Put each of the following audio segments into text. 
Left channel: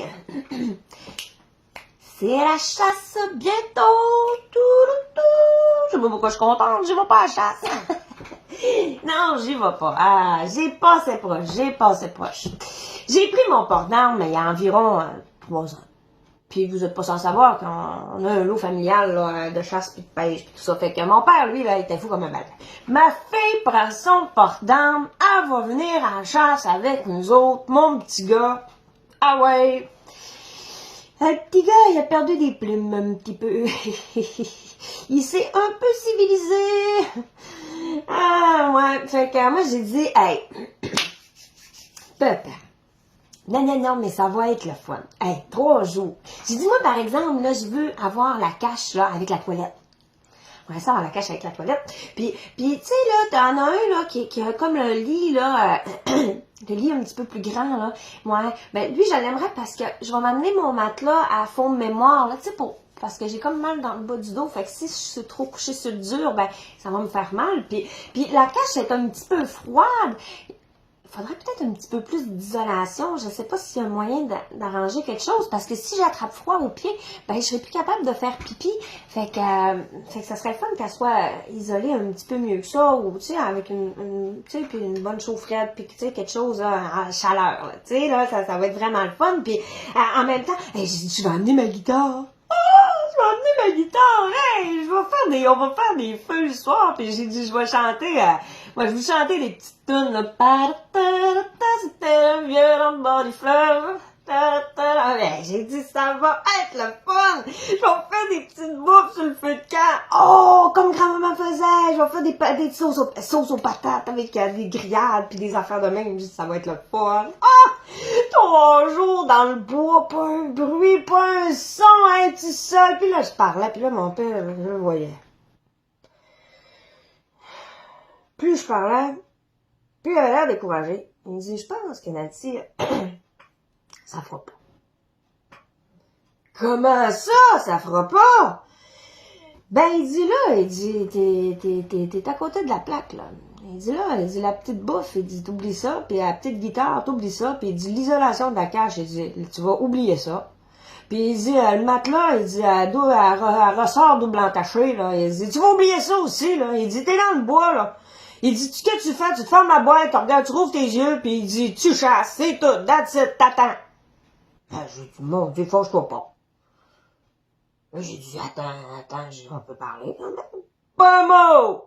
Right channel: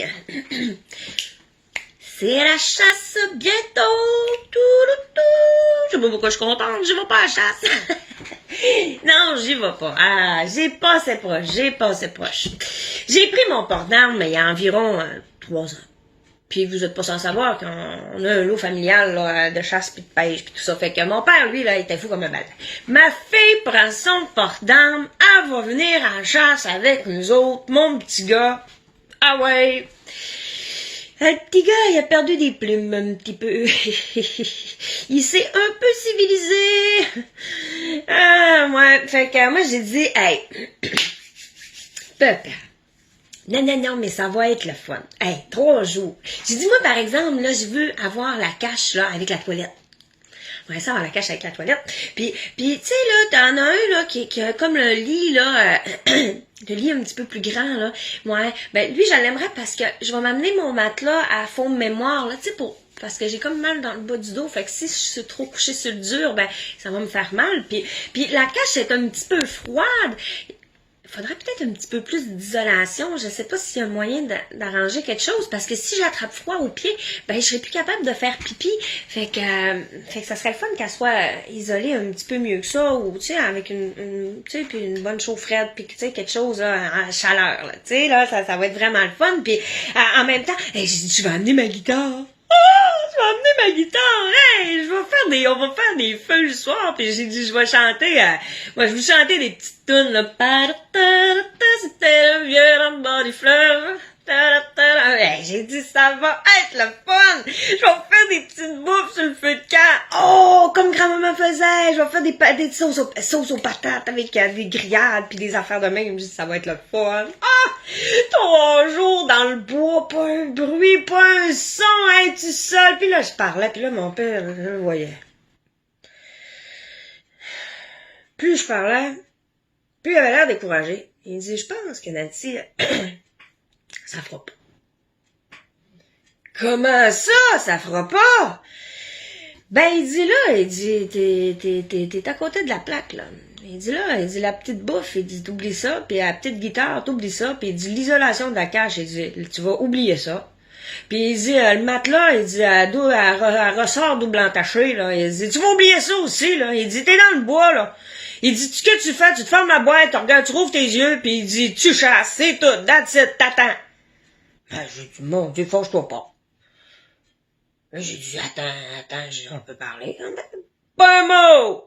gang! C'est la chasse bientôt! Je sais pas pourquoi je suis contente, je vais pas à la chasse! Non, j'y vais pas. Ah, j'ai passé proche. J'ai pris mon port d'armes il y a environ 3 ans. Puis vous êtes pas sans savoir qu'on a un lot familial là, de chasse puis de pêche puis tout ça. Fait que mon père, lui, là, il était fou comme un bâtard. Ma fille prend son port d'armes, elle va venir en chasse avec nous autres, mon petit gars. Ah ouais! Le petit gars, il a perdu des plumes un petit peu. Il s'est un peu civilisé. Ah, ouais. Fait que moi, j'ai dit, hey, papa. Non, mais ça va être le fun. Hey, 3 jours. J'ai dit, moi, par exemple, là, je veux avoir la cache, là, avec la toilette. Ouais, ça, avoir la cache avec la toilette. Puis tu sais, là, t'en as un, là, qui a comme le lit, là, le lit un petit peu plus grand, là. Ouais, ben, lui, je l'aimerais parce que je vais m'amener mon matelas à fond de mémoire, là, tu sais, parce que j'ai comme mal dans le bas du dos, fait que si je suis trop couchée sur le dur, ben, ça va me faire mal. Puis la cache est un petit peu froide. Il faudrait peut-être un petit peu plus d'isolation. Je sais pas s'il y a un moyen d'arranger quelque chose, parce que si j'attrape froid au pied, ben je serais plus capable de faire pipi. Fait que ça serait le fun qu'elle soit isolée un petit peu mieux que ça, ou tu sais, avec tu sais, puis une bonne chaufferette, puis tu sais, quelque chose là, à chaleur, là. Tu sais, là, ça va être vraiment le fun. Puis en même temps, hey, j'ai dit, je vais amener ma guitare. Je vais emmener ma guitare, hey, on va faire des feux le soir, puis j'ai dit, je vais chanter, moi, je vais chanter des petites tunes, là, c'était le vieux dans le bord du fleuve, hey, j'ai dit, ça va être le fun, je vais faire des petites bouffes sur le feu de camp, oh, comme grand-maman faisait, je vais faire des sauces aux patates avec des grillades, puis des affaires de même, je dis, ça va être le fun, ah, 3 jours dans le bois, pas un bruit, pas un son, hein, tu seul. Puis là, je parlais, puis là, mon père, je le voyais. Plus je parlais, plus il avait l'air découragé. Il dit, je pense que Nancy, ça fera pas. Comment ça fera pas? Ben, il dit, t'es à côté de la plaque, là. Il dit, la petite bouffe, il dit, t'oublies ça, puis la petite guitare, t'oublies ça, puis il dit, l'isolation de la cache, il dit, tu vas oublier ça. Puis il dit, le matelas, il dit, elle ressort double entaché, là. Il dit, tu vas oublier ça aussi, là. Il dit, t'es dans le bois, là. Il dit, ce que tu fais, tu te fermes la boîte, tu regardes, tu rouvres tes yeux, puis il dit, tu chasses, c'est tout, that's it, t'attends. Ben, j'ai dit, mon Dieu, fâche-toi pas. Là, j'ai dit, attends, on peut parler quand même. Pas un mot!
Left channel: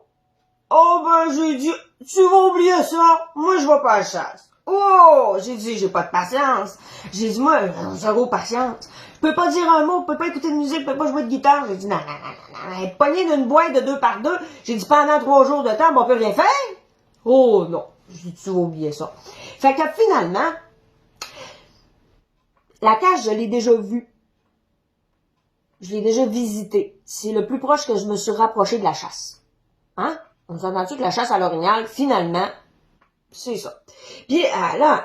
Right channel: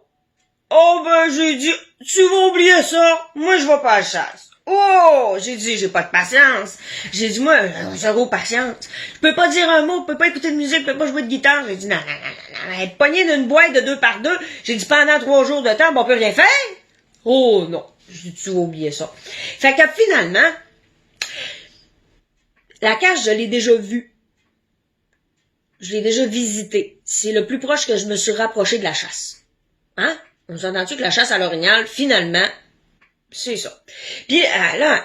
Oh, ben, j'ai dit, tu vas oublier ça, moi, je vais pas à la chasse. Oh! J'ai dit, j'ai pas de patience. J'ai dit, moi, zéro patience. Je peux pas dire un mot, je peux pas écouter de musique, je peux pas jouer de guitare. J'ai dit, non, être pogné d'une boîte de 2 par 2. J'ai dit, pendant 3 jours de temps, on peut rien faire. Oh, non. J'ai dit, tu vas oublier ça. Fait que finalement, la cache, je l'ai déjà vue. Je l'ai déjà visitée. C'est le plus proche que je me suis rapproché de la chasse. Hein? On s'entend-tu que la chasse à l'orignal, finalement, c'est ça. Puis là,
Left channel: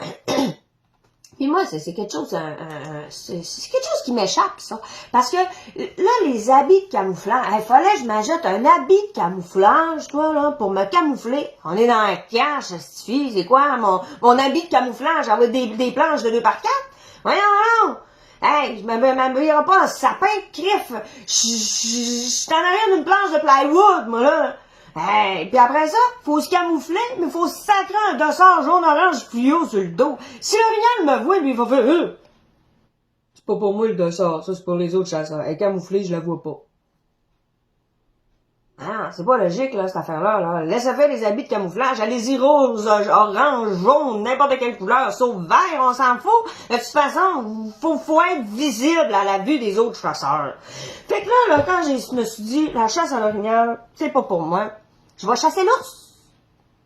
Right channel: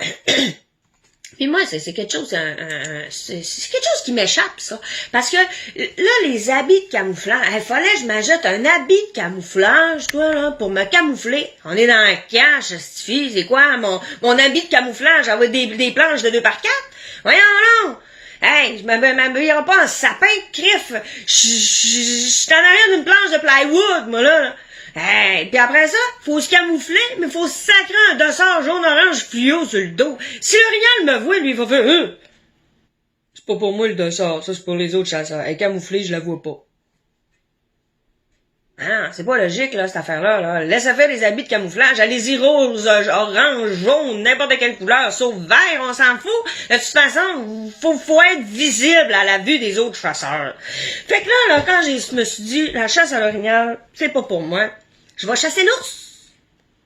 puis moi, c'est quelque chose, c'est quelque chose qui m'échappe, ça. Parce que là, les habits de camouflage, il fallait que je m'achète un habit de camouflage, toi, là, pour me camoufler. On est dans la cache, c'est quoi, mon habit de camouflage, avoir des planches de 2 par 4? Voyons, non! Hey, je m'habillerai pas en sapin de crif. Je suis en arrière d'une planche de plywood, moi, là. Hey, puis après ça, faut se camoufler, mais faut se sacrer un dossard jaune-orange fluo sur le dos. Si l'orignal me voit, lui, il va faire c'est pas pour moi le dossard, ça c'est pour les autres chasseurs. Elle est camouflée, je la vois pas. Ah, c'est pas logique, là, cette affaire-là, là. Laissez faire des habits de camouflage. Allez-y rose, orange, jaune, n'importe quelle couleur, sauf vert, on s'en fout. De toute façon, faut être visible à la vue des autres chasseurs. Fait que là, quand je me suis dit, la chasse à l'orignal, c'est pas pour moi. Je vais chasser l'ours.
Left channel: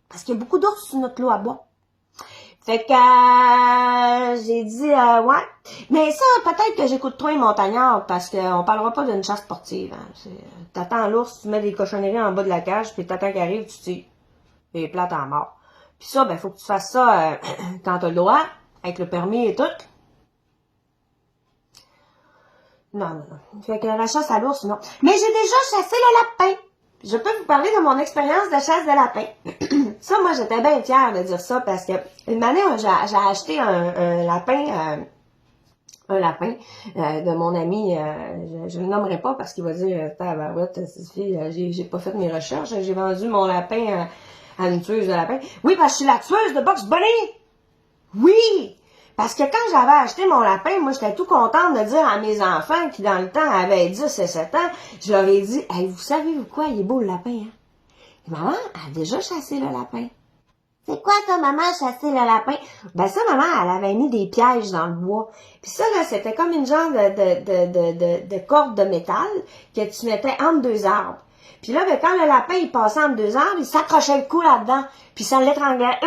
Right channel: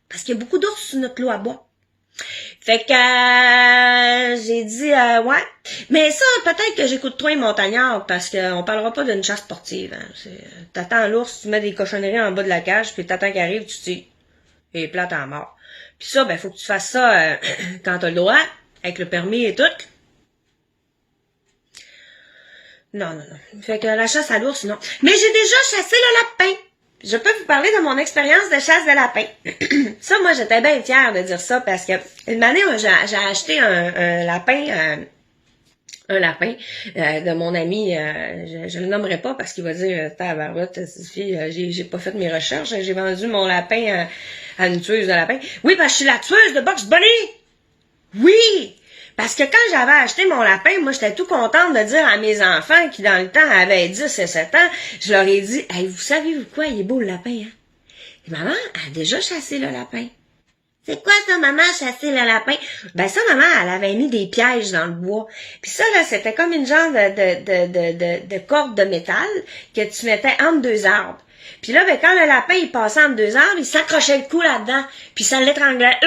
Parce qu'il y a beaucoup d'ours sur notre lot à bois. Fait que j'ai dit ouais. Mais ça, peut-être que j'écoute trop les montagnards parce qu'on parlera pas d'une chasse sportive. Hein. T'attends l'ours, tu mets des cochonneries en bas de la cage, puis t'attends qu'il arrive, tu tires. Et plate en mort. Puis ça, ben faut que tu fasses ça quand t'as le droit, avec le permis et tout. Non. Fait que la chasse à l'ours, non. Mais j'ai déjà chassé le lapin. Je peux vous parler de mon expérience de chasse de lapin. Ça, moi, j'étais bien fière de dire ça parce que une année, j'ai acheté un lapin un lapin de mon ami, je le nommerai pas parce qu'il va dire tabarouette, j'ai pas fait mes recherches, j'ai vendu mon lapin à une tueuse de lapin. Oui, parce que je suis la tueuse de Bugs Bunny! Oui! Parce que quand j'avais acheté mon lapin, moi j'étais tout contente de dire à mes enfants qui dans le temps avaient 10 et 7 ans, je leur ai dit, hey, vous savez-vous quoi, il est beau le lapin, hein? Et maman a déjà chassé le lapin. C'est quoi ça, maman, chasser le lapin? Ben ça, maman, elle avait mis des pièges dans le bois. Puis ça, là, c'était comme une genre de corde de métal que tu mettais entre deux arbres. Puis là, ben, quand le lapin, il passait entre deux arbres, il s'accrochait le cou là-dedans. Puis ça l'étranglait.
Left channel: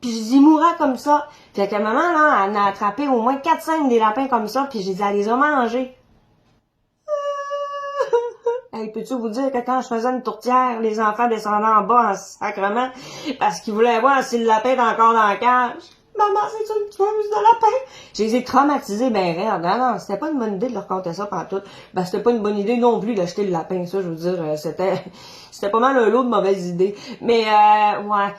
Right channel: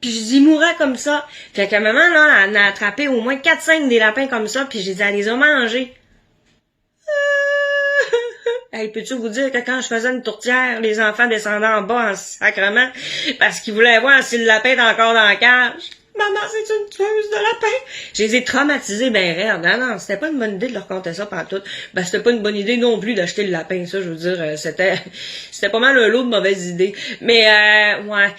Puis je dis, il mourrait comme ça. Fait que maman, là, elle en a attrapé au moins 4-5 des lapins comme ça. Puis j'ai dit, elle les a mangés. Hey, peux-tu vous dire que quand je faisais une tourtière, les enfants descendaient en bas en sacrement parce qu'ils voulaient voir si le lapin est encore dans la cage. Maman, c'est une tueuse de lapin. Je les ai traumatisés ben raide. Non, c'était pas une bonne idée de leur conter ça pantoute. Ben, c'était pas une bonne idée non plus d'acheter le lapin, ça, je veux dire, c'était pas mal un lot de mauvaises idées. Mais, ouais,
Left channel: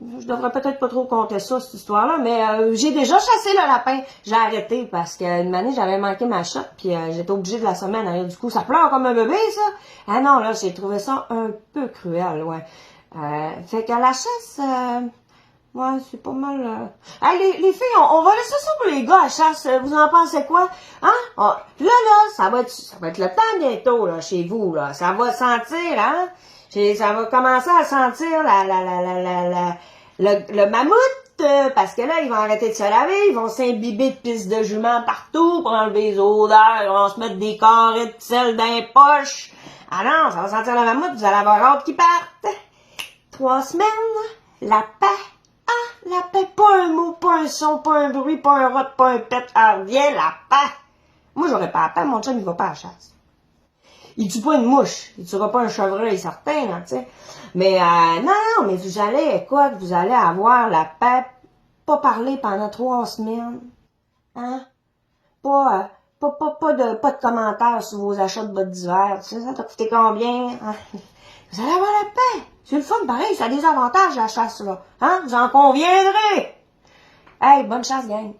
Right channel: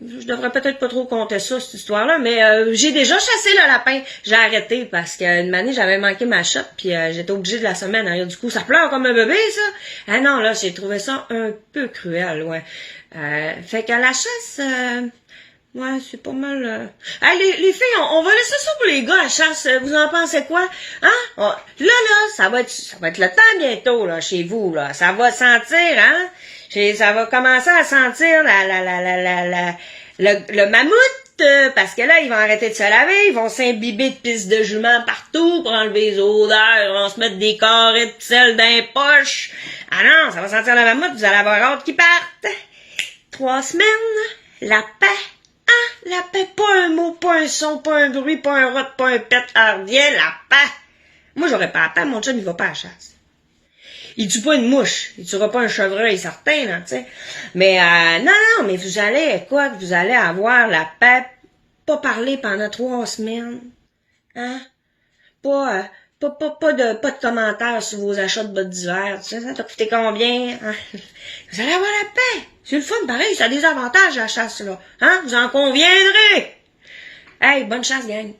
je devrais peut-être pas trop compter ça, cette histoire-là, mais j'ai déjà chassé le lapin. J'ai arrêté parce qu'une année, j'avais manqué ma shot, puis j'étais obligée de la semer en arrière du coup. Ça pleure comme un bébé, ça! Ah non, là, j'ai trouvé ça un peu cruel, ouais. Fait qu'à la chasse, ouais, c'est pas mal... Hey, les filles, on va laisser ça pour les gars à la chasse. Vous en pensez quoi? Hein? Là, ça va être le temps bientôt, là, chez vous, là. Ça va sentir, hein? Ça va commencer à sentir le mammouth, parce que là, ils vont arrêter de se laver, ils vont s'imbiber de pisse de jument partout pour enlever les odeurs, ils vont se mettre des carrés de sel dans les poches. Ah non, ça va sentir le mammouth, vous allez avoir hâte qu'ils partent. 3 semaines, la paix. Ah, la paix, pas un mot, pas un son, pas un bruit, pas un rot, pas un pet ardien, la paix. Moi, j'aurais pas à temps, mon chum, il va pas à la chasse. Il tue pas une mouche, il tuera pas un chevreuil certain, là, tu sais. Mais non, mais vous allez, écoute, vous allez avoir la paix, pas parler pendant 3 semaines, hein? Pas de commentaires sur vos achats de bottes d'hiver, tu sais, ça t'a coûté combien? Hein? Vous allez avoir la paix. C'est le fun, pareil, ça a des avantages la chasse, là. Hein? Vous en conviendrez. Hey, bonne chasse, gang.